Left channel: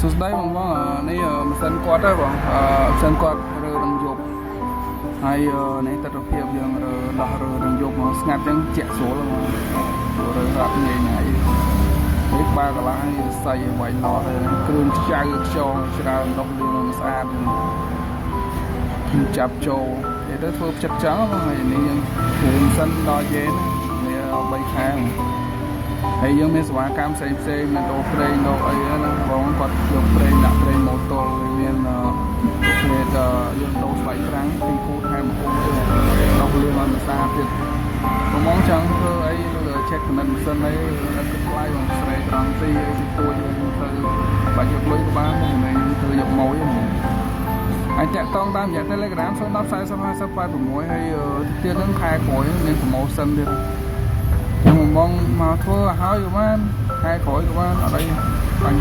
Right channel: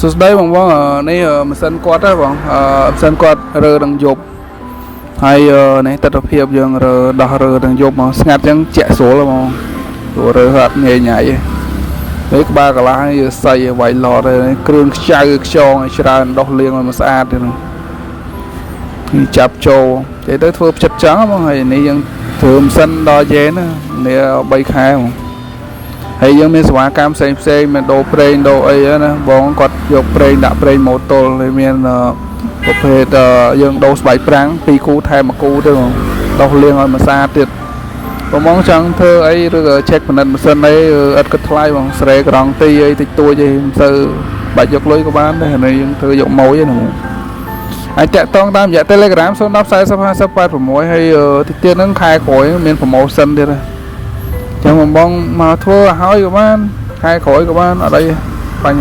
សួស្តីបងនេះម៉ាស៊ីនគាត់ទេបងម៉ាស៊ីនគាត់រើនឹងយប់ហើយនេះទស្សនវិជ្ជាយើងរើដោះរើនឹងយប់មកស្ងាត់ចឹងជាក់ស្រួលបងព្រោះរើអត់ងាយញ៉ៃទេនេះក្បាលកន្លះនេះសៃវាយឡតទេគ្រឿងខ្ចៅខ្យងច្រើនដោះលាងឲ្យមកស្អាតទេហ្នឹងចាប់ចូលនិយាយទៅធ្វើផ្ចិតចឹងបងហើយនេះយើងធ្វើម៉ាស៊ីនដល់យេណានេះ3ខែបងហើយយើងមានសេវាកម្មផ្សេងមានដូរប្រេងដូរអីណាបងគាត់យកប្រេងដាក់ប្រេងម៉ូតូហើយមានប្រភេទយើងដូរស្បែកប្រាំង2គូថែម1គូទៅបងដោះលាងឲ្យមកស្អាតទៀតបងចង់ធ្វើអីឬក៏ check ពិនិត្យម៉ាស៊ីនអីឥតគិតថ្លៃបងស្រែក្រង់ទីអីតិចតួចអីមិនទៅបាច់យកលុយក៏បានដែរហើយយើងធ្វើយកម៉ួយណាបងអាចតាក់ទងតាមរយៈ Telegram 010 40 50 86ហើយតិចទៀតហ្នឹងខែក្រោយមាន promotion ទៀតចឹងបងមកធ្វើឲ្យក៏បានខែក្រោយក៏បានអត់អីបាញ់